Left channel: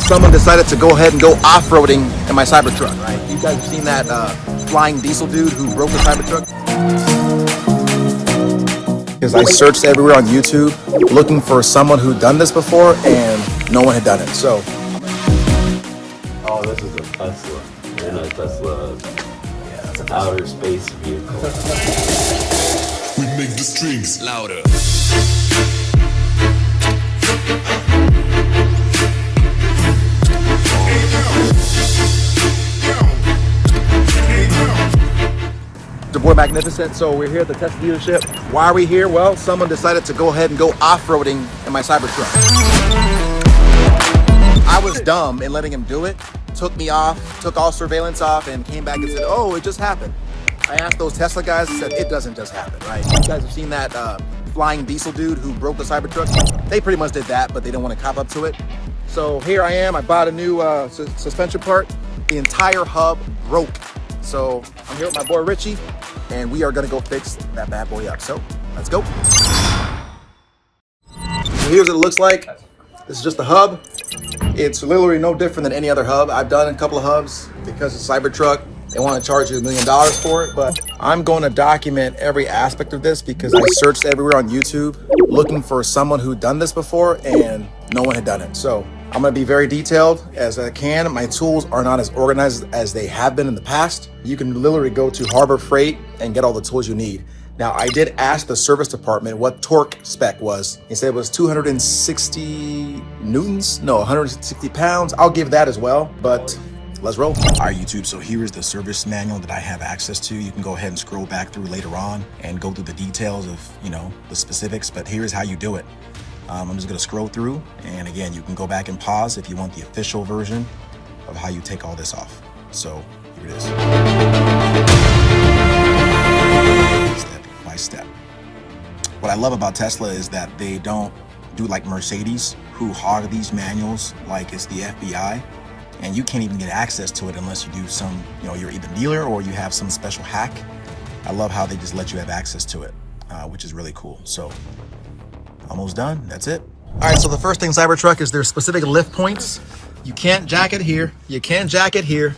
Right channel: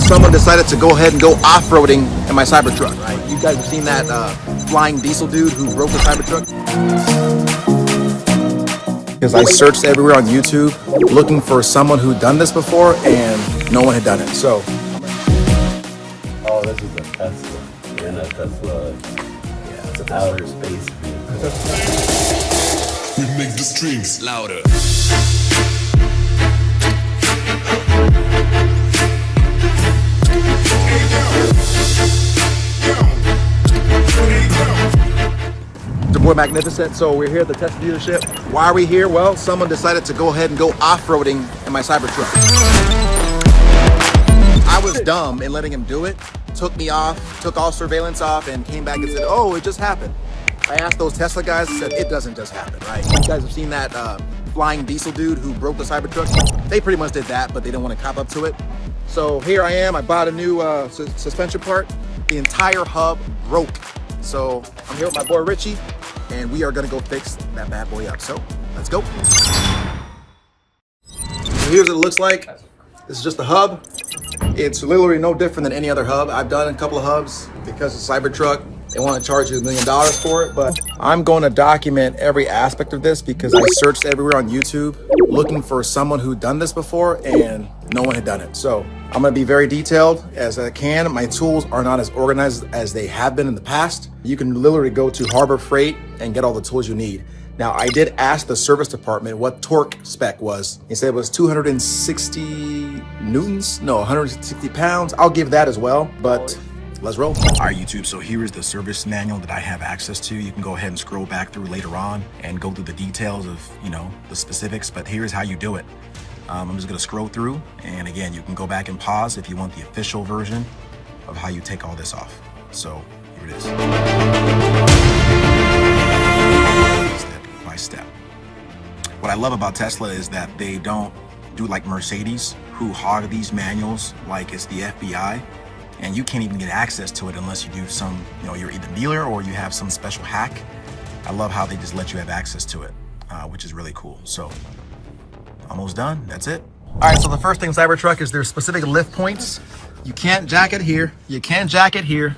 Someone decided to go ahead and go off-roading in my Cybertruck, right? You guys have seen that flying diesel dude who broke the Cybertruck? Because I searched everywhere on YouTube looking for someone who'd done this before and no one had done it, so. Oh, this is a Tesla. We're in a Tesla. Yeah, it's an outer space vehicle. We make the streams louder. The boy Magnificent. So we're here at the Tesla dealership. Why are we here? Well, someone decided to go ahead and go off-roading in my Cybertruck. I was dumb in letting him do it. Took me off, took all surveillance off, and came back and said, oh, it just happened. I asked those Tesla guys, said it doesn't just happen, right? You guys have seen that flying diesel dude who broke the Cybertruck? They pretty much did that, but they didn't want to cop up to it. So here I am, I bought a new suspension part. The entire hub broke. So I'm here with my boy Richie, and we are gonna go fix that bad boy up. So let's go. So here's what it looks like. This is just the hub. It's literally no different than any other hub. I've done a couple of hubs because it's Cybertruck. They want to charge you $1 million for it, but I'm going to document every aspect of this because I searched everywhere on YouTube looking for someone who'd done this before and no one had done it. So I'm going to be very detailed as I can. My tools are not as organized as they have been in the past. You can literally go to Harbor Freight and get all the tools you need. Now, I did ask the service department what torque spec was. He said it was 260 newtons? No, 160 pounds. I'll give that as well, but let's roll. All right, YouTube, so here is the service manual that I have access to. You can go ahead and scroll back through later on and go through the details of, you know, the specifics, but here's how you do it. I'm just gonna scroll through, and again, you can go back and pause if you want the official version of how you take all this off. So here it is. Step by step. What I love about Tesla is that they don't do like Mercedes, who hog these manuals like it's the FBI. And you can't even get access to it unless you do some, you know, you're either dealer or you have some special hack. I love how they just let you have access to it, which is really cool. So almost done, that's it. All right, so the first thing Cybertruck is there's specific lift points. You can't jack it here, you can't jack it here.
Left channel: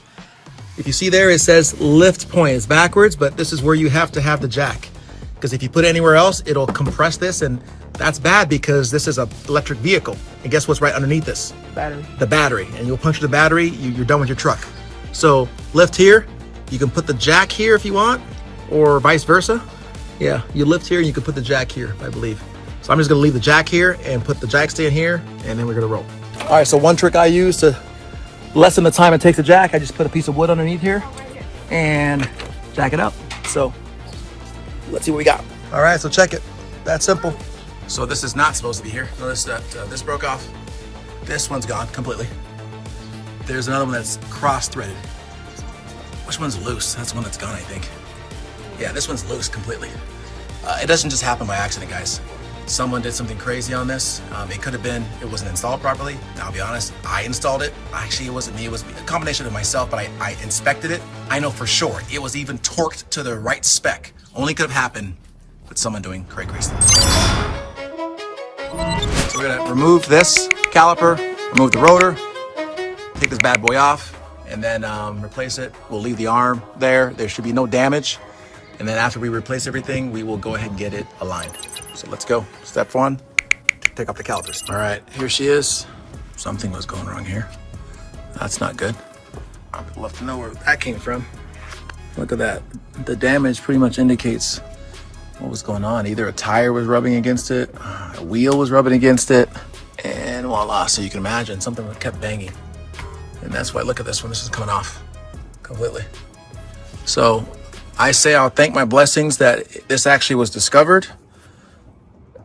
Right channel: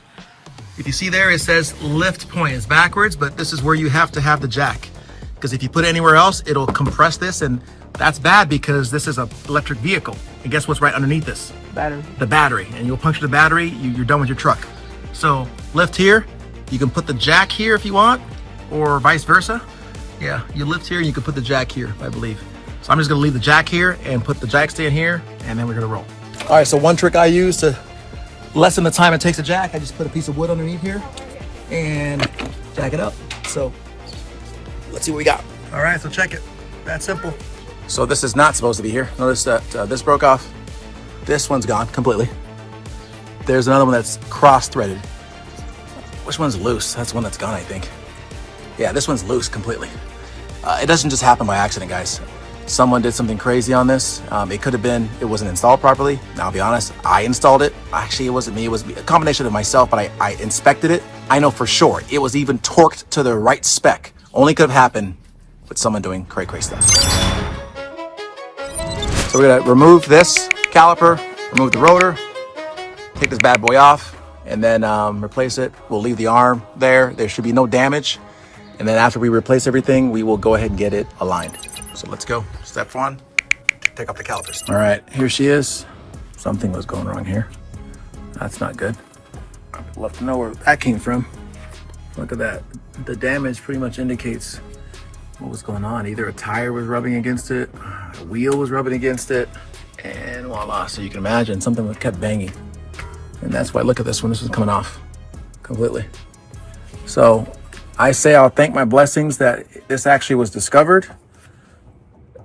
If you see there, it says lift point. It's backwards, but this is where you have to have the jack. Because if you put it anywhere else, it'll compress this, and that's bad because this is an electric vehicle. And guess what's right underneath this? Battery. The battery. And you'll puncture the battery, you're done with your truck. So lift here, you can put the jack here if you want, or vice versa. Yeah, you lift here and you can put the jack here, I believe. So I'm just gonna leave the jack here and put the jack stand here, and then we're gonna roll. All right, so one trick I use to lessen the time it takes to jack, I just put a piece of wood underneath here and jack it up. So let's see what we got. All right, so check it. That's simple. So this is not supposed to be here. Notice that this broke off. This one's gone completely. There's another one that's cross-threaded. Which one's loose? That's the one that's gone, I think. Yeah, this one's loose completely. It doesn't just happen by accident, guys. Someone did something crazy on this. It could have been, it wasn't installed properly. Now, I'll be honest, I installed it. Actually, it wasn't me. It was a combination of myself, but I inspected it. I know for sure it was even torqued to the right spec. Only could have happened with someone doing cray stuff. So we're gonna remove this caliper, remove the rotor, take this bad boy off, and then replace it. We'll leave the arm there. There should be no damage. And then after we replace everything, we will go ahead and get it aligned. So let's go. Step one, take off the calipers. All right, here she is. Something was going wrong here. That's not good. I'd love to know where that came from. Look at that. The damage pretty much indicates what was going on. Either a tire was rubbing against it, a wheel was rubbing against it, and voila. So you can imagine something kept banging. And that's why, look at this one. This is coming off completely. So I say I'll thank my blessings that this actually was discovered,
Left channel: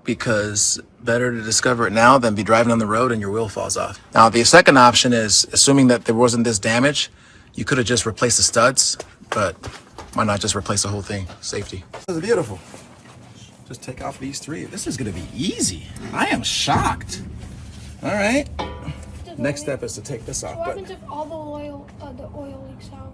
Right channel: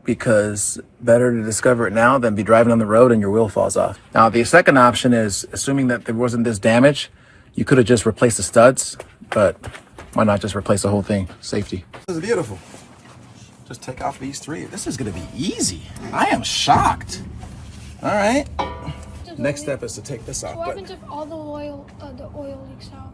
because better to discover it now than be driving on the road and your wheel falls off. Now, the second option is, assuming that there wasn't this damage, you could have just replaced the studs, but why not just replace the whole thing? Safety. This is beautiful. Just take off these three. This is gonna be easy. I am shocked. All right. Next step is to take this off. What happens if all the oil leaks out?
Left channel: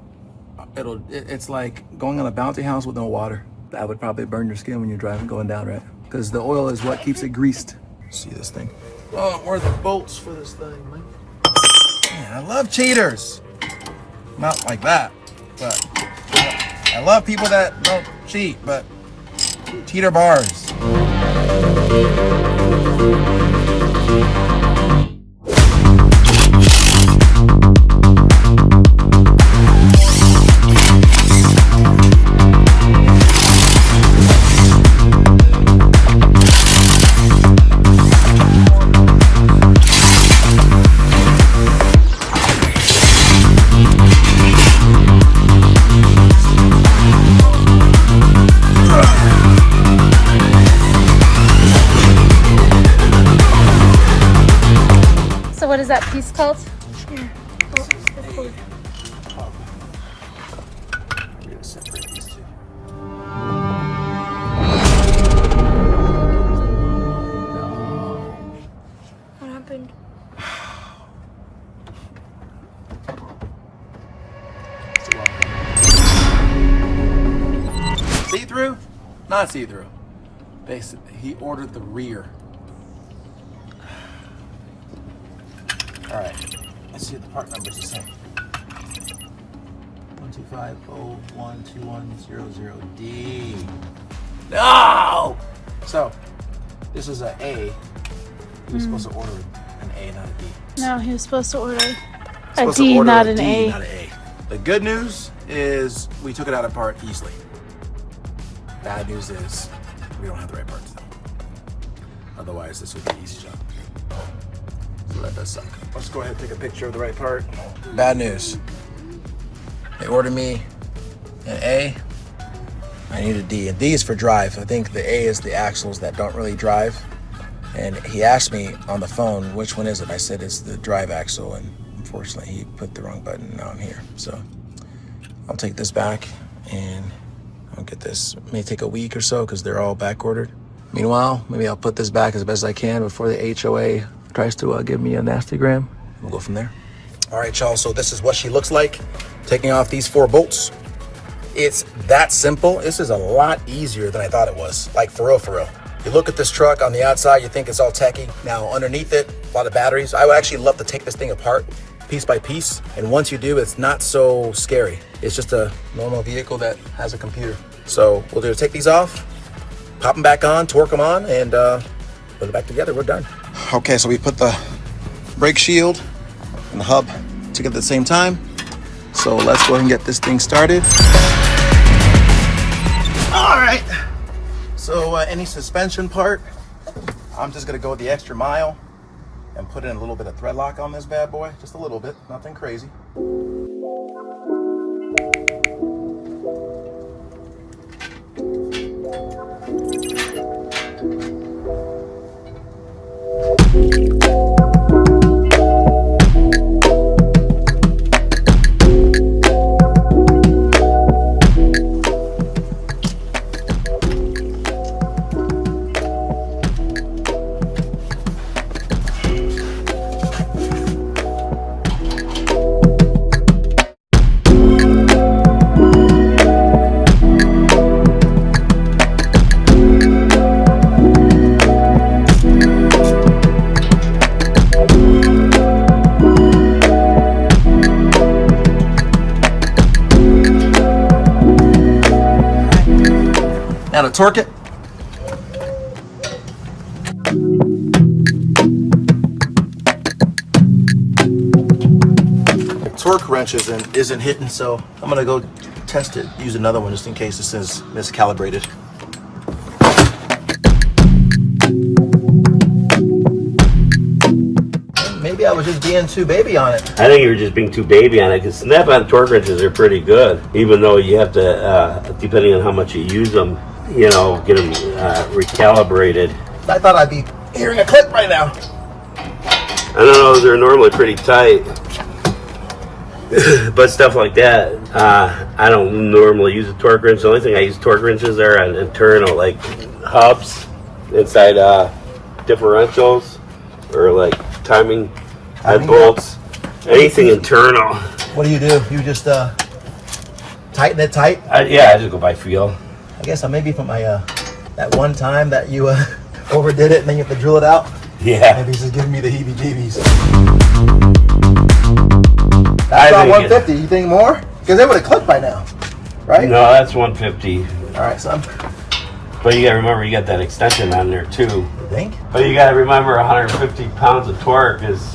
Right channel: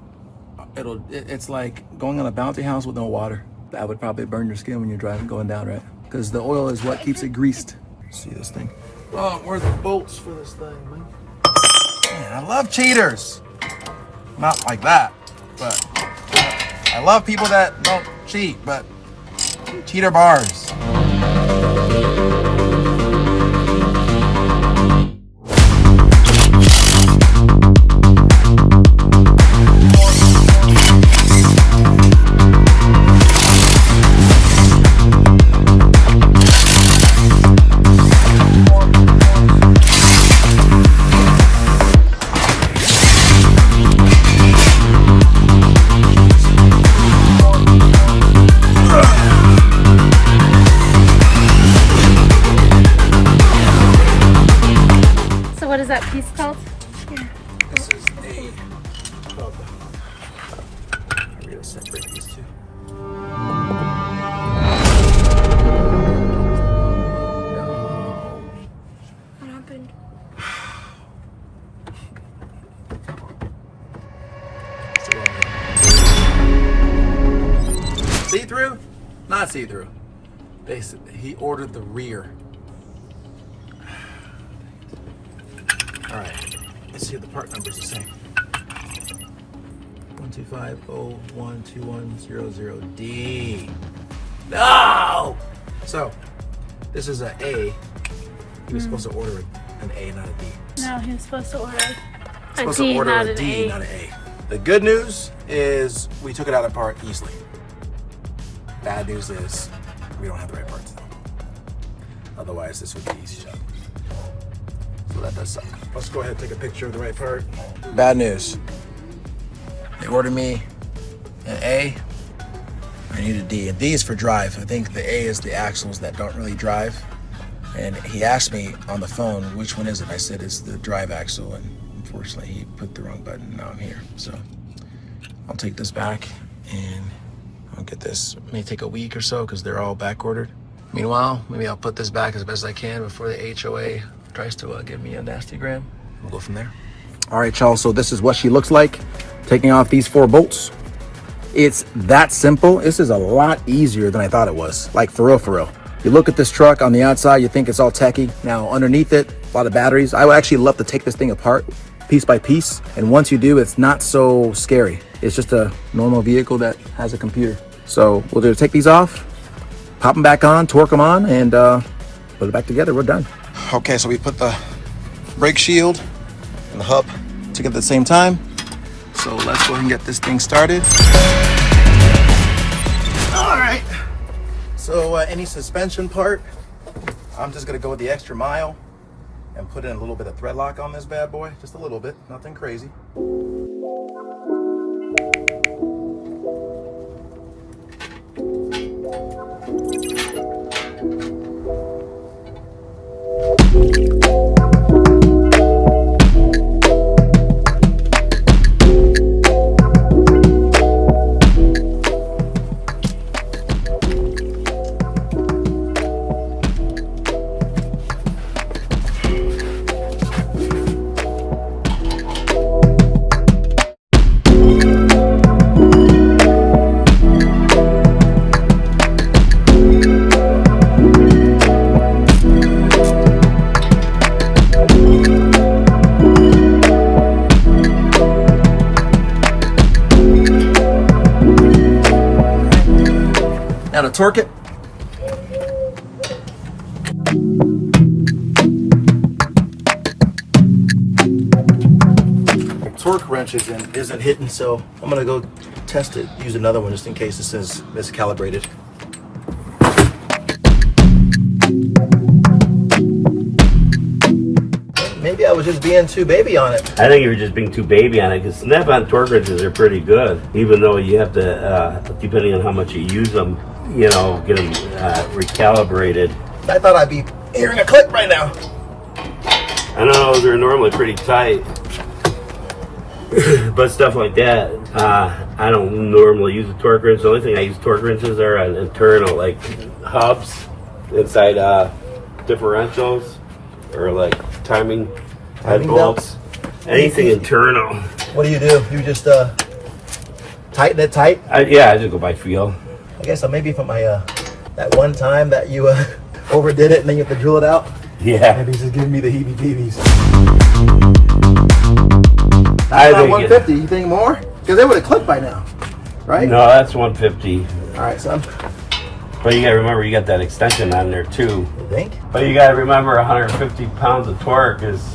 It's like going on a bounty house with no water. That would probably burn your skin when you're driving, going down, right? Because the oil is what keeps it greased. See this thing? Oh, where are the bolts for this thing, man? I love cheaters. Not like that, but I love people that don't cheat, but cheater bars. What is that piece called? This is a hub. We're gonna separate these two. What happened? See-through? Not see-through. Basically, he ordered the rear. All right, let's see what the part numbers are saying. 125012100D. No! So, this is an A. He was supposed to order an A, not a D. No, he was supposed to order a Supposed to D, order not a an D, A. not an A. The good news is we took it out apart easily. Bad news is we don't have the right parts though. Otherwise, this would be an easy job. So that does suck. Let's go ahead and take a picture of the right part. Bad news. They ordered me an A. I need a D. And D is for drive. I think the A is the axles that don't really drive. And he asked me on the phone, which one is it? I said it's the drive axle. And unfortunately, he put the wrong button on here. So I'll take this back and I'll get this. It may take a week or so because they're all back ordered. Meanwhile, maybe I'll put this back as best I can before the HOA tries to give me a nasty gram. We'll go from there. All right, y'all, so this is what she looks like. Taking off these 4 bolts. It's that simple. This is a lot easier than I thought it was. Like, for real, for real. You look at this truck on the outside, you think it's all techy. Now, underneath it, a lot of batteries. I would actually love to take this thing apart piece by piece. And once you do, it's not so scary. It's just a normal vehicle that has a computer. So we'll just take these off, pop them back on, torque them on, and put it back together. We're done. Okay, so we put the brake shield and the hub together at the same time. So let's go ahead and get this thing started. All right. So any suspension part, I'm just gonna go the extra mile and put in a little bit of thread lock on this bad boy. Just a little bit, nothing crazy. Now to torque it. The torque wrench isn't hitting, so I'm gonna go test it, use another one just in case this is miscalibrated. Maybe I was just being too baby on it. I think you were just being too baby on it, because snap-on torque wrenches are pretty good, even though you have to, depending on how much you use them, you know, get them recalibrated. I thought I'd be hearing a click right now. I don't know, they're normally pretty tight. But stuff like that, I don't normally use a torque wrench. The only thing I use torque wrenches are on internal, like hubs inside differentials, or like timing bolts. Anything internal. What do? You just tighten it tight? Yeah, I just go by feel. I guess maybe from my that one time that you overdid it and then you have to drill it out. Yeah. Maybe he's just giving me the heebie-jeebies. it's not think 150. You think more? Because they would have clipped by now, right? No, that's 150. All right, so But you gotta remember, you got that extension on there too. you think? But you gotta remember, 150 pounds of torque is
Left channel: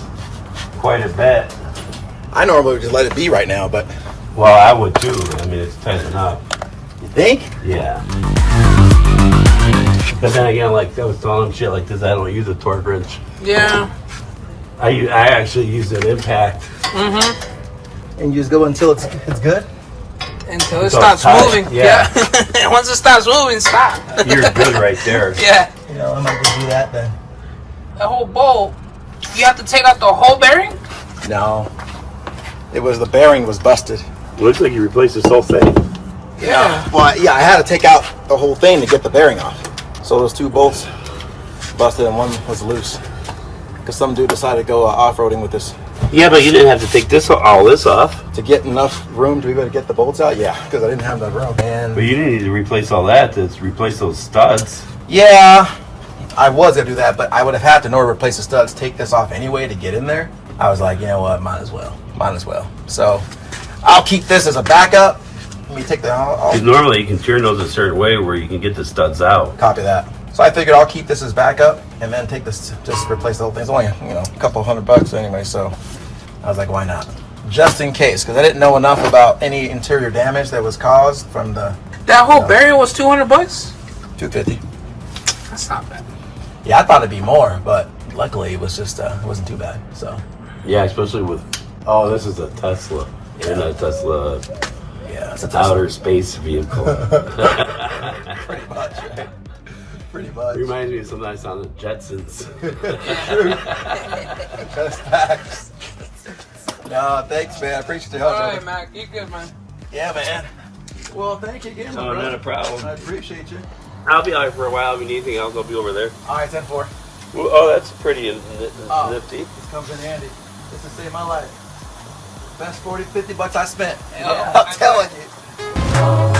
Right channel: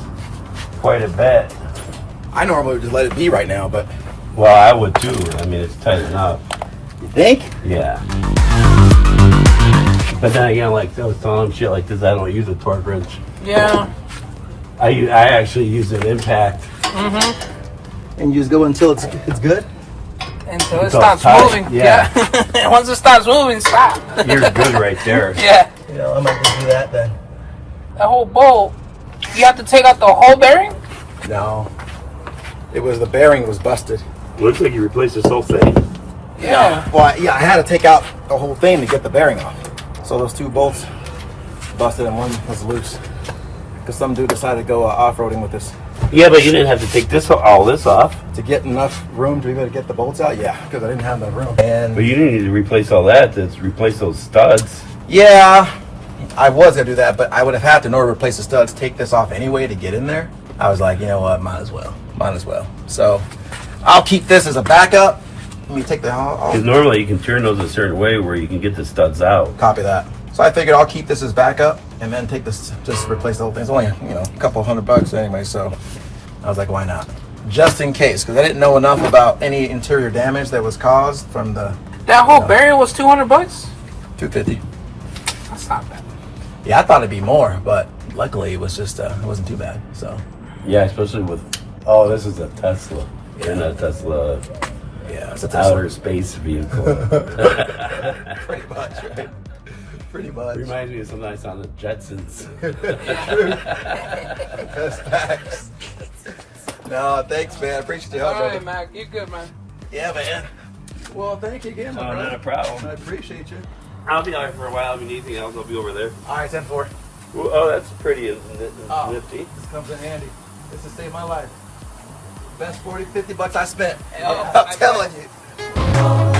quite a bit. I normally would just let it be right now, but Well, I would too. I mean, it's tight enough. you think? Yeah. But then again, like I was telling him shit like this, I don't use a torque wrench. Yeah. I actually use an impact. And you just go until it's good. Until it It's all stops tight. moving. Yeah. Yeah. Once it stops moving, stop. You're good right there. Yeah. You know, I might just do that then. The whole bowl. You have to take out the whole bearing? No, it was the bearing was busted. Looks like you replaced this whole thing. Yeah. Well, yeah, I had to take out the whole thing to get the bearing off. So those two bolts busted and one was loose. Because some dude decided to go off-roading with this. Yeah, but you didn't have to take all this off. To get enough room to be able to get the bolts out? Yeah, because I didn't have enough room. And But you didn't need to replace all that to replace those studs. yeah, I was going to do that, but I would have had to, in order to replace the studs, take this off anyway to get in there. I was like, you know what, might as well. So I'll keep this as a backup. Let me take the, I'll Because normally you can turn those a certain way where you can get the studs out. copy that. So I figured I'll keep this as backup and then take this, just replace the whole thing. It's only, a couple $100 anyway, so I was like, why not? Just in case, because I didn't know enough about any interior damage that was caused from the That whole bearing was $200? 250. That's not bad. Yeah, I thought it'd be more, but luckily it was just, it wasn't too bad, so. Yeah, especially with, oh, this is a Tesla. You're not a Tesla Yeah, it's a outer space vehicle. Pretty much, right? Pretty much. Reminds me of something I saw on the Jetsons. True. That's facts. No, thanks, man. I appreciate your help, All right, brother. Mac. You're good, man. Yeah, man. Well, thank you again, Oh, brother. not a problem. I appreciate you. I'll be out for a while. If you need anything else, I'll be over there. All right, 10-4. Well, oh, that's pretty Oh. nifty. This comes in handy. This has saved my life. Best 40, $50 I spent. Yeah. I'm telling you.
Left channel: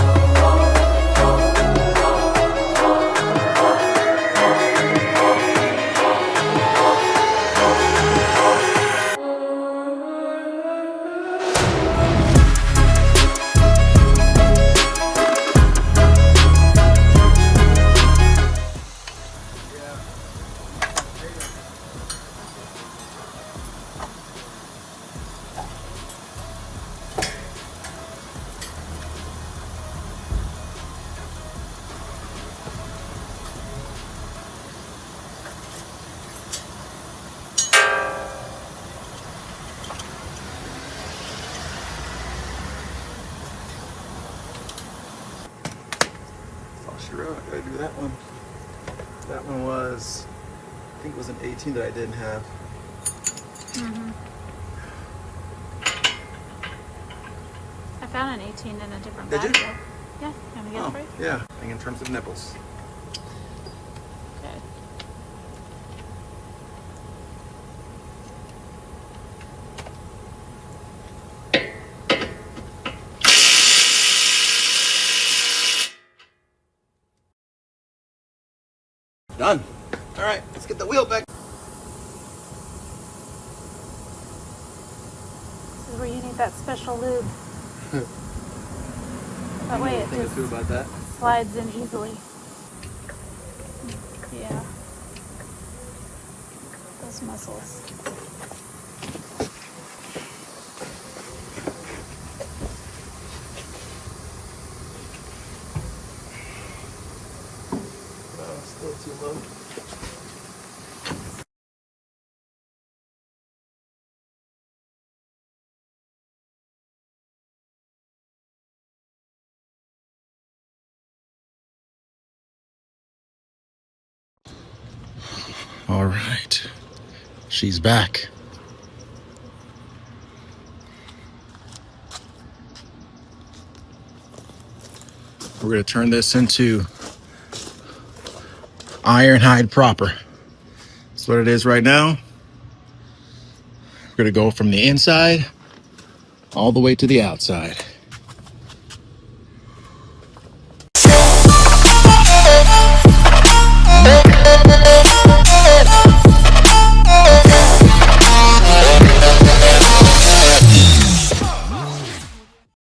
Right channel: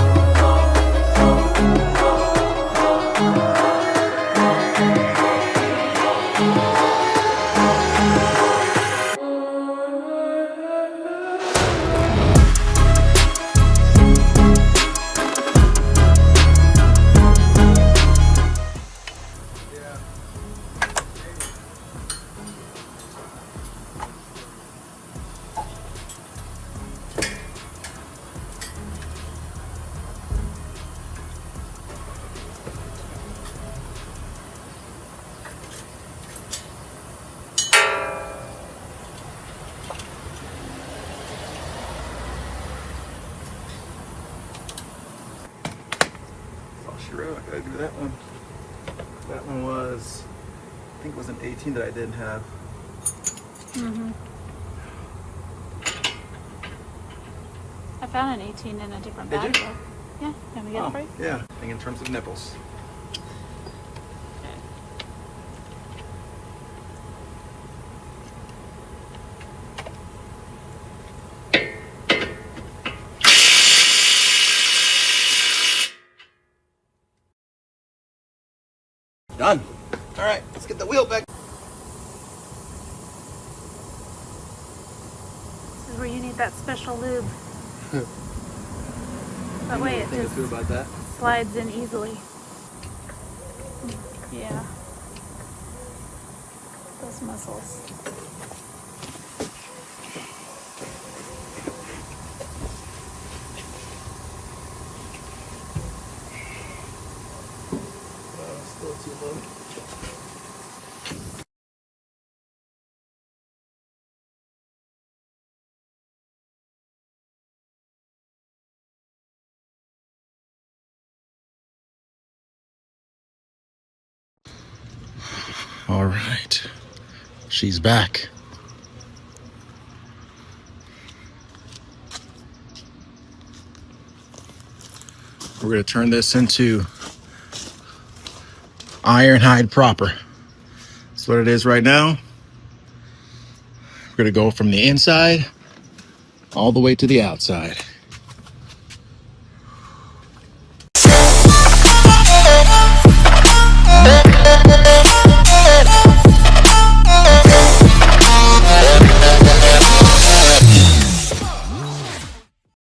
Oh, sure, I gotta do that one. That one was, I think it was an 18 that I didn't have. I found an 18 in a different Did bag. you? Though. Yeah, you want me to get it for you? Yeah. I think in terms of nipples. Okay. Done. All right, let's get the wheel back. This is where you need that special lube. That way it just about that. slides in easily. Yeah. Those muscles. Still too low. All right, she's back. We're gonna turn this into ironhide proper. That's what it is right now. We're gonna go from the inside all the way to the outside.